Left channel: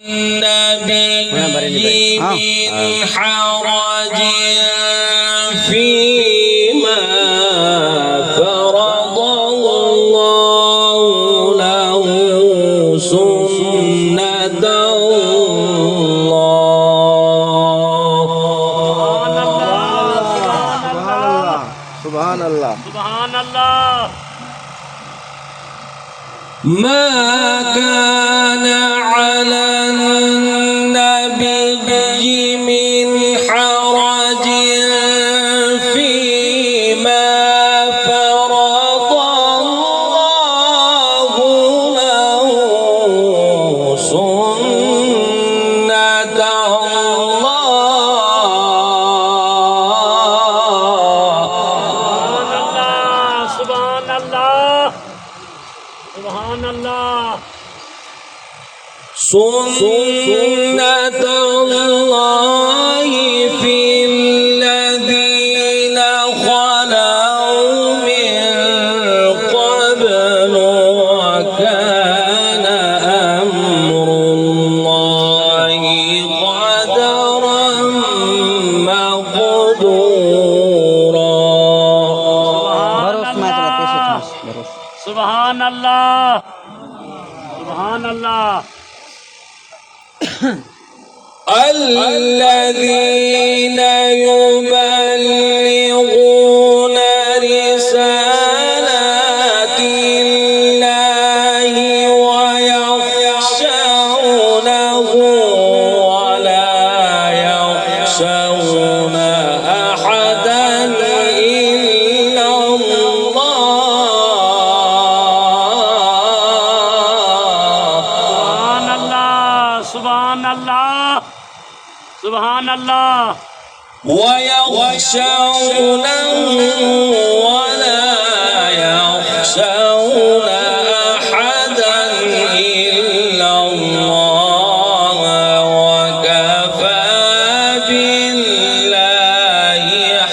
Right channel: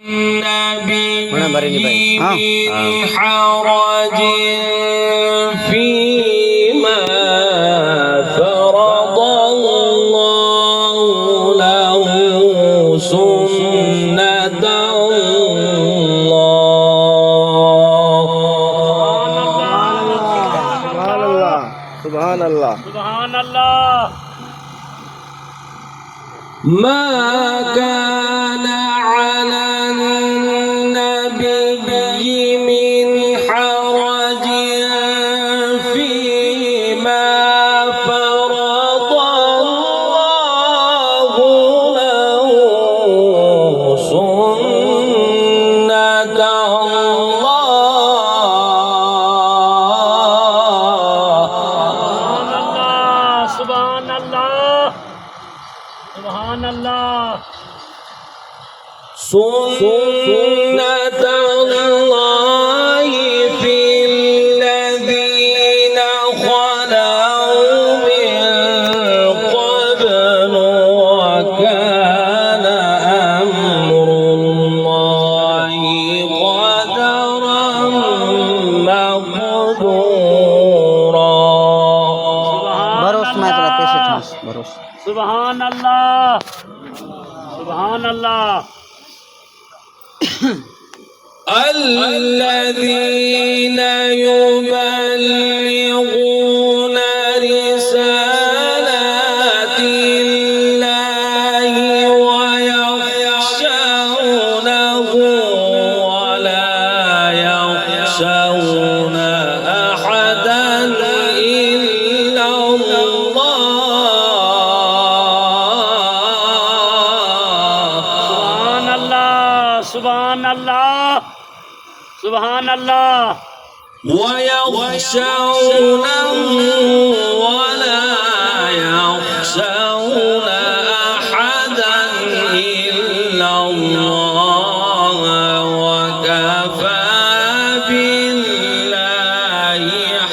النبي من حرج فيما فرض الله له سنة الله. سبحان الله سبحان الله. ما كان على النبي من حرج فيما فرض الله له سنة الله. سبحان الله. سبحان الله. سنة الله في الذين خلوا من قبل وكان أمر الله قدرا مقدورا. سبحان الله. سبحان الله. الذين يبلغون رسالات الله ويخشونه ولا يخشون أحدا إلا الله. سبحان الله. سبحان الله. ويخشونه ولا يخشون أحدا إلا الله وكفى بالله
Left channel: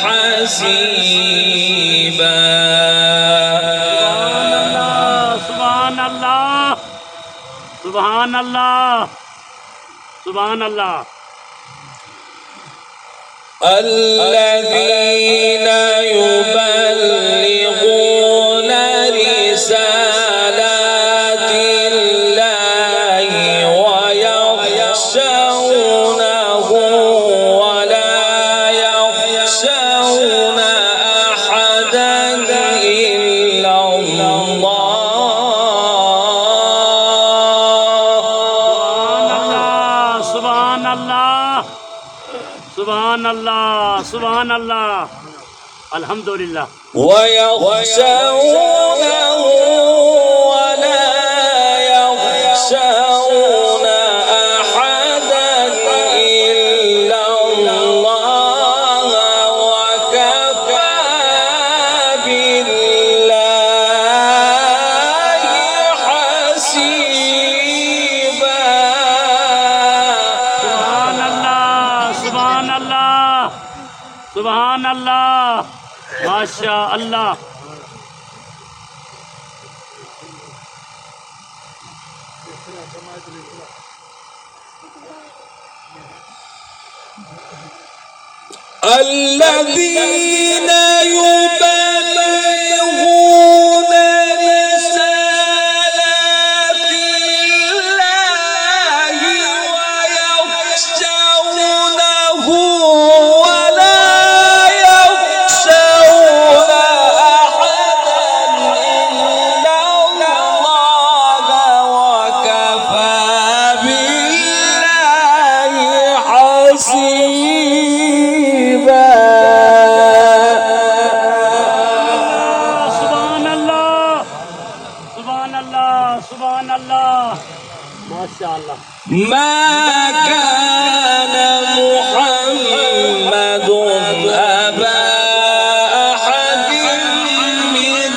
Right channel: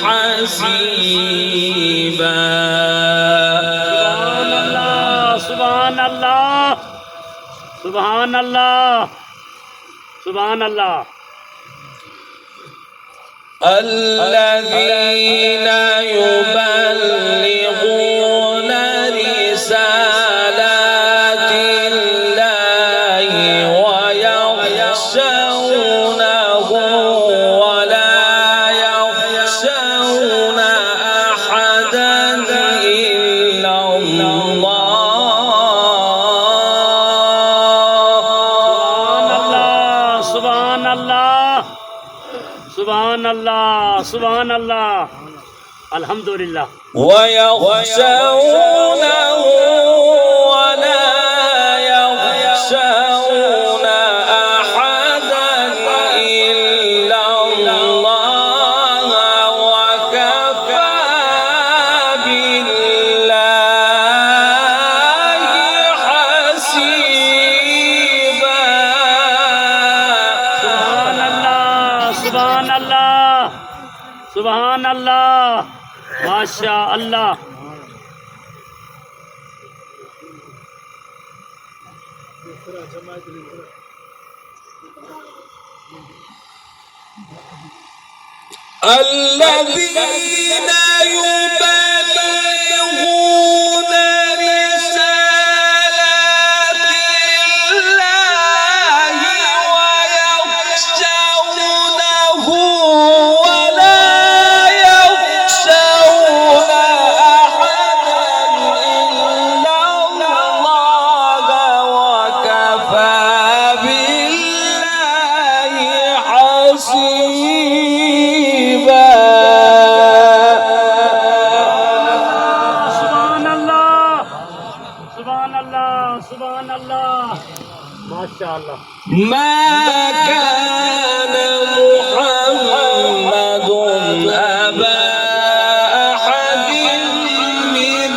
حسيبا. سبحان الله. سبحان الله. سبحان الله. الذين يبلغون رسالات الله ويخشونه ولا يخشون أحدا إلا الله. سبحان الله. سبحان الله. سبحان الله. الحمد لله. ويخشونه ولا يخشون أحدا إلا الله وكفى بالله حسيبا. سبحان الله. سبحان الله. ما شاء الله. الذين يبلغون رسالات الله ويخشونه ولا يخشون أحدا إلا الله وكفى بالله حسيبا. سبحان الله. سبحان الله. سبحان الله. ما شاء الله. ما كان محمد أبا أحد من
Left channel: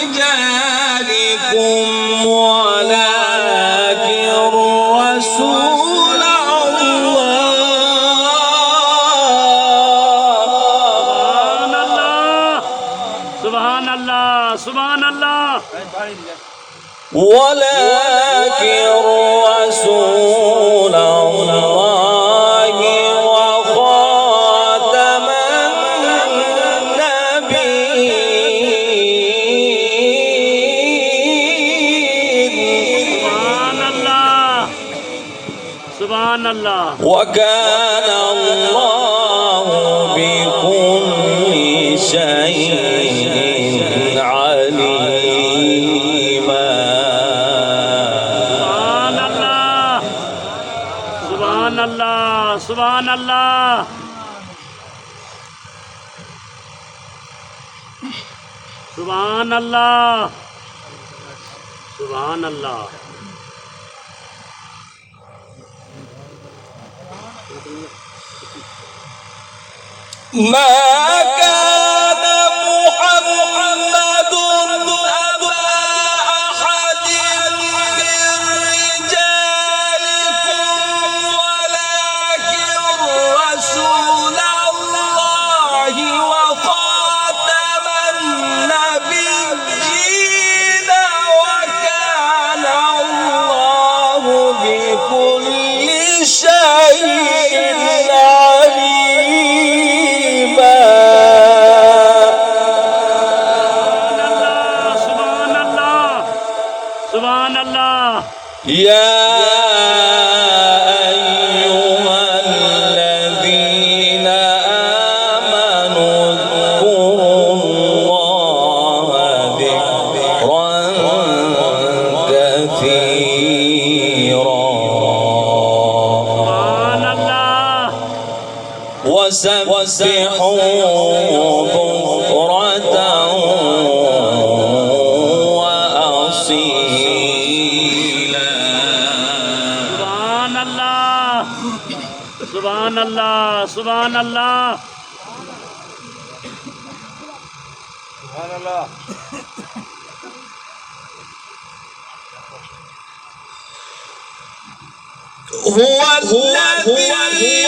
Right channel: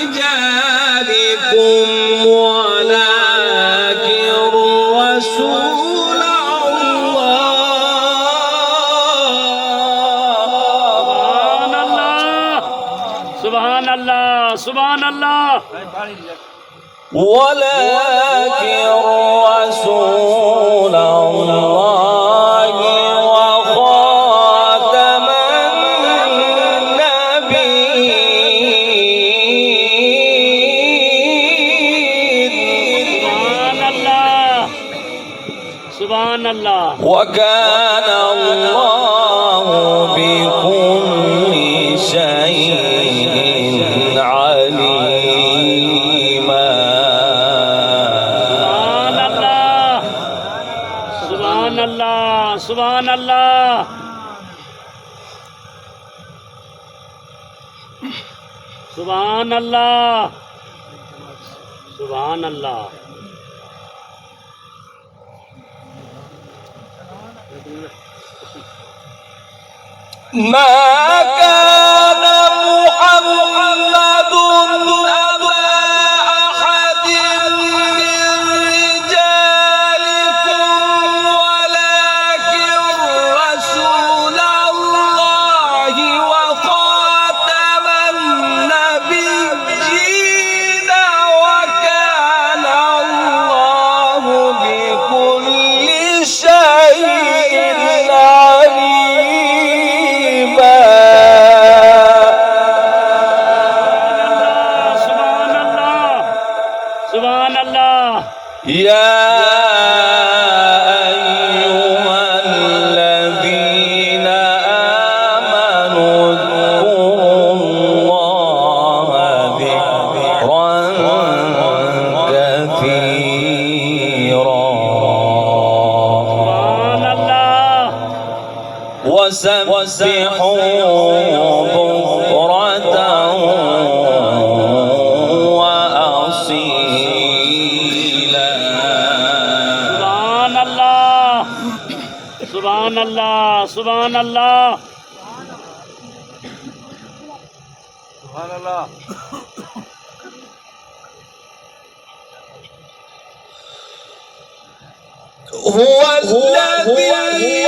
رجالكم ولكن رسول الله. سبحان الله. سبحان الله. ولكن رسول الله وخاتم النبيين. سبحان الله. وكان الله بكل شيء عليما. سبحان الله. سبحان الله. سبحان الله. سبحان الله. ما كان محمد أبا أحد من رجالكم ولكن رسول الله وخاتم النبيين وكان الله بكل شيء عليما. سبحان الله. يا أيها الذين آمنوا اذكروا الله ذكرا كثيرا سبحان الله. وسبحوا بكرة وأصيلا. سبحان الله. سبحان الله. سبحان الله. سبحان الله. هو الذي